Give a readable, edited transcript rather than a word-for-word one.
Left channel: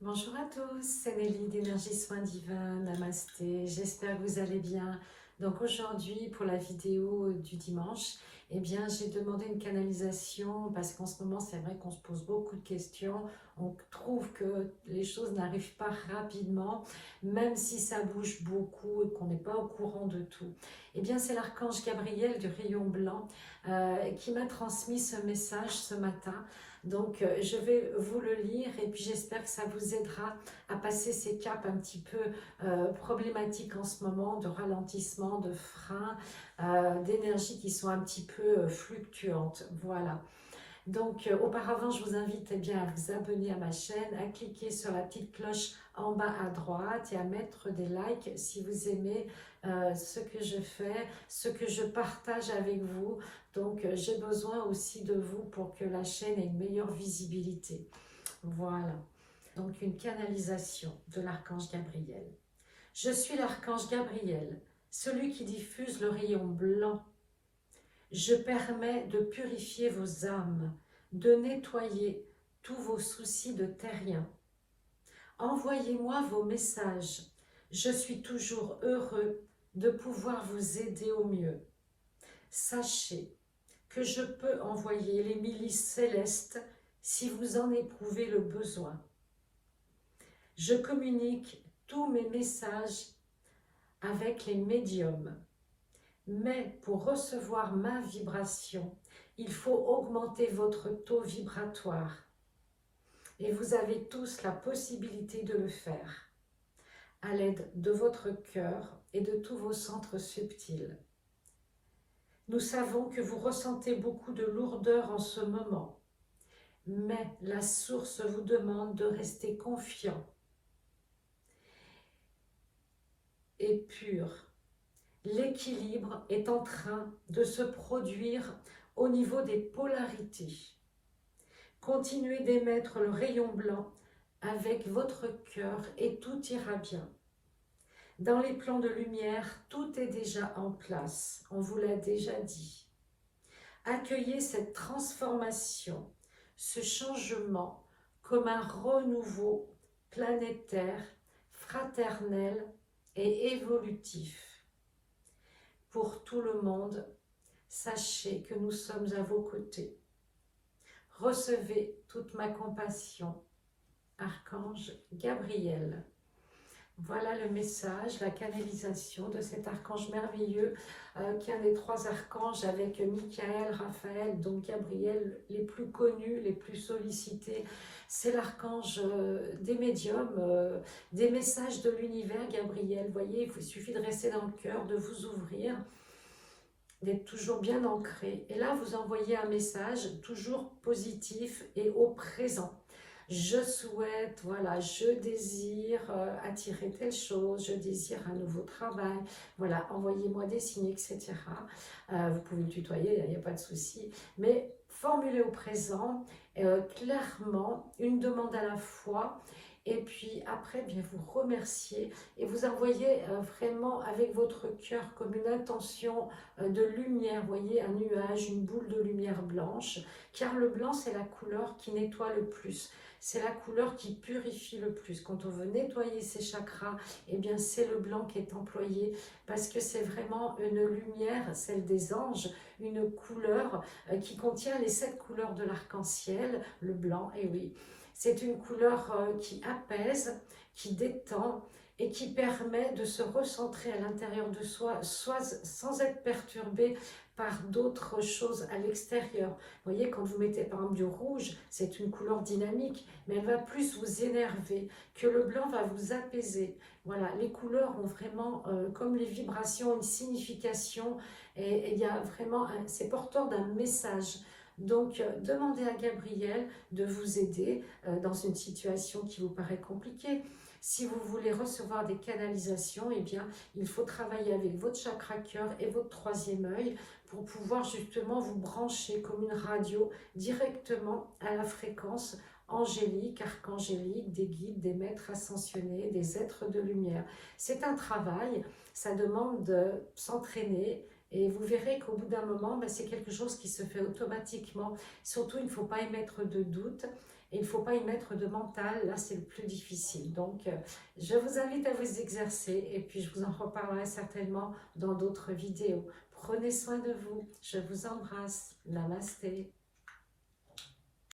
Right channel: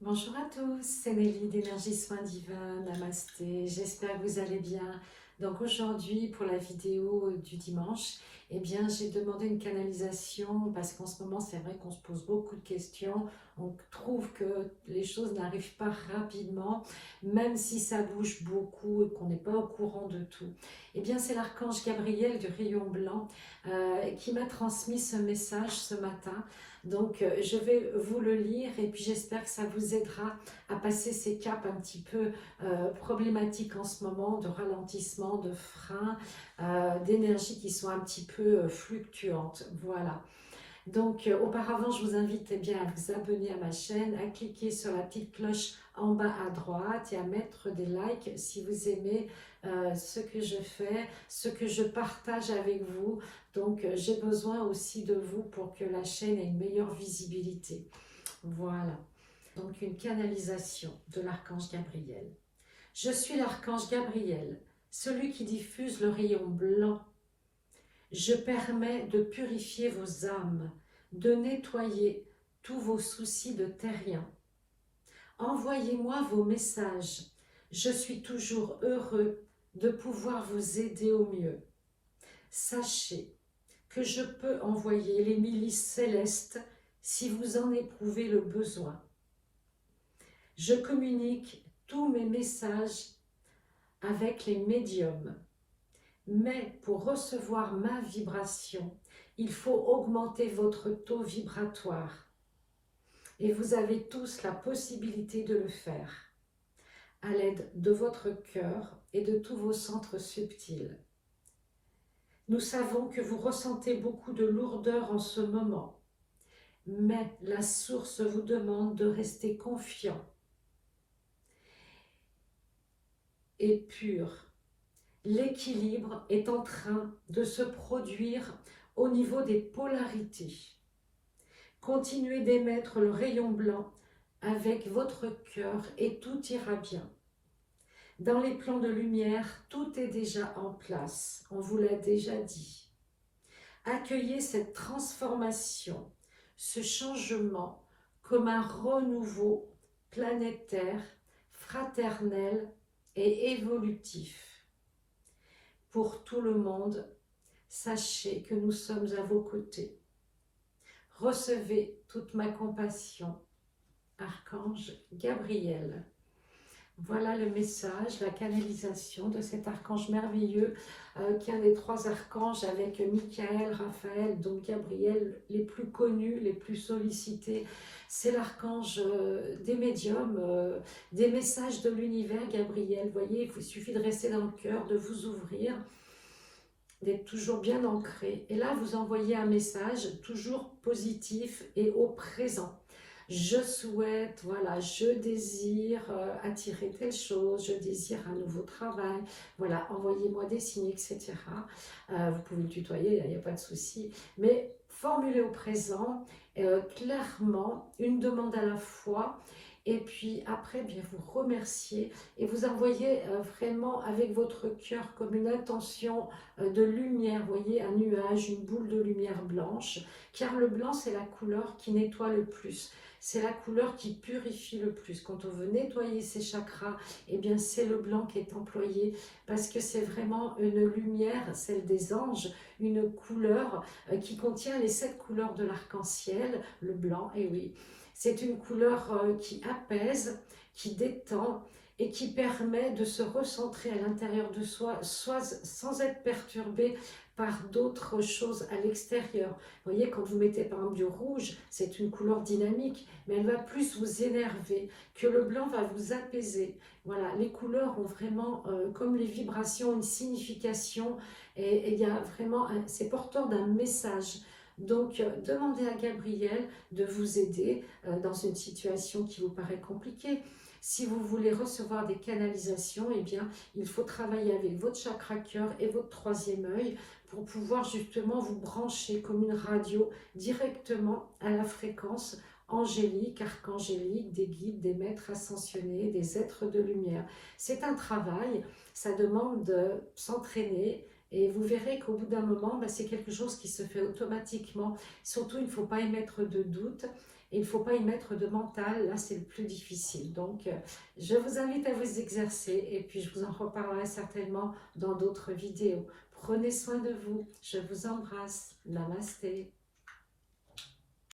Bonjour à tous, c'est Nelly d'Énergie Soins Divins, Namasté, j'espère que vous allez bien. Donc aujourd'hui pour la vidéo du dimanche, j'ai demandé une canalisation parce qu'en ce moment c'est vrai qu'on se pose beaucoup de questions, on trouve que les choses n'arrivent pas rapidement, même si ça bouge beaucoup et qu'on n'est pas au courant de tout. C'est l'archange Gabriel du rayon blanc qui m'a transmis ce message ce matin. Donc, je vais vous le lire et puis j'espère que ça vous aidera à passer ces caps un petit peu problématiques en ce moment, de ralentissement, de frein, d'énergie qui sont un petit peu fluctuantes. Voilà. Donc, auparavant, je vous invite à vous abonner à ma chaîne, à cliquer sur la petite cloche en bas à droite et à mettre des likes si vous aimez ce que je fais, ce que je partage avec vous. Donc, j'ai besoin aussi de vous pour que la chaîne ait une meilleure visibilité. Voilà. Donc, une canalisation de l'archange Gabriel. Je suis l'archange Gabriel, celui qui diffuse le rayon blanc. Je permets de purifier vos âmes, de nettoyer tous vos soucis de terrien. Envoyez-moi vos messages. Je suis toujours heureux de pouvoir vous aider au mieux. Sachez que je peux envoyer les milices célestes si vous en éprouvez le besoin. Je communique tous mes messages avec les médiums. Mais pour recevoir ma vibration, il faut augmenter votre taux vibratoire. Et vous avez tous la possibilité de le faire à l'aide de votre cœur et de tous vos centres subtils. Nous savons que vous ressentez beaucoup de lourdeur en ce moment, mais la source vous demande de rester confiant et pur. L'équilibre est en train de se produire au niveau des polarités. Continuez d'émettre le rayon blanc avec votre cœur et tout ira bien. Dans les plans de lumière, tout est déjà en place, on vous l'a déjà dit. Accueillez cette transformation, ce changement comme un renouveau planétaire, fraternel et évolutif. Pour tout le monde, sachez que nous sommes à vos côtés. Recevez toute ma compassion, Archange Gabriel. Voilà le message, la canalisation de cet archange merveilleux qui est un des trois archanges avec Michael, Raphaël, donc Gabriel, les plus connus, les plus sollicités. C'est l'archange des médiums, des messages de l'univers, Gabriel. Vous voyez, il suffit de rester dans le cœur, de vous ouvrir, d'être toujours bien ancré. Et là, vous envoyez un message toujours positif et au présent. Je souhaite, voilà, je désire attirer telle chose, je désire un nouveau travail, voilà, envoyez-moi des signes, etc. Vous pouvez le tutoyer, il n'y a pas de souci, mais formulez au présent, clairement, une demande à la fois, et puis après, bien vous remercier et vous envoyez vraiment avec votre cœur comme une intention de lumière, vous voyez, un nuage, une boule de lumière blanche, car le blanc, c'est la couleur qui nettoie le plus. C'est la couleur qui purifie le plus. Quand on veut nettoyer ses chakras, c'est le blanc qui est employé parce que c'est vraiment une lumière, celle des anges, une couleur qui contient les 7 couleurs de l'arc-en-ciel, le blanc, et oui. C'est une couleur qui apaise, qui détend et qui permet de se recentrer à l'intérieur de soi, soit sans être perturbé par d'autres choses à l'extérieur. Vous voyez, quand vous mettez par exemple du rouge, c'est une couleur dynamique, mais elle va plus vous énerver, que le blanc va vous apaiser. Voilà, les couleurs ont vraiment, comme les vibrations, une signification, et il y a vraiment, c'est porteur d'un message. Donc, demandez à Gabriel de vous aider dans une situation qui vous paraît compliquée. Si vous voulez recevoir des canalisations, il faut travailler avec votre chakra cœur et votre troisième œil pour pouvoir justement vous brancher comme une radio directement à la fréquence angélique, archangélique, des guides, des maîtres ascensionnés, des êtres de lumière. C'est un travail, ça demande de s'entraîner, et vous verrez qu'au bout d'un moment, c'est quelque chose qui se fait automatiquement. Surtout, il ne faut pas émettre de doute. Et il ne faut pas y mettre de mental, là c'est le plus difficile. Donc je vous invite à vous exercer et puis je vous en reparlerai certainement dans d'autres vidéos. Prenez soin de vous, je vous embrasse. Namasté.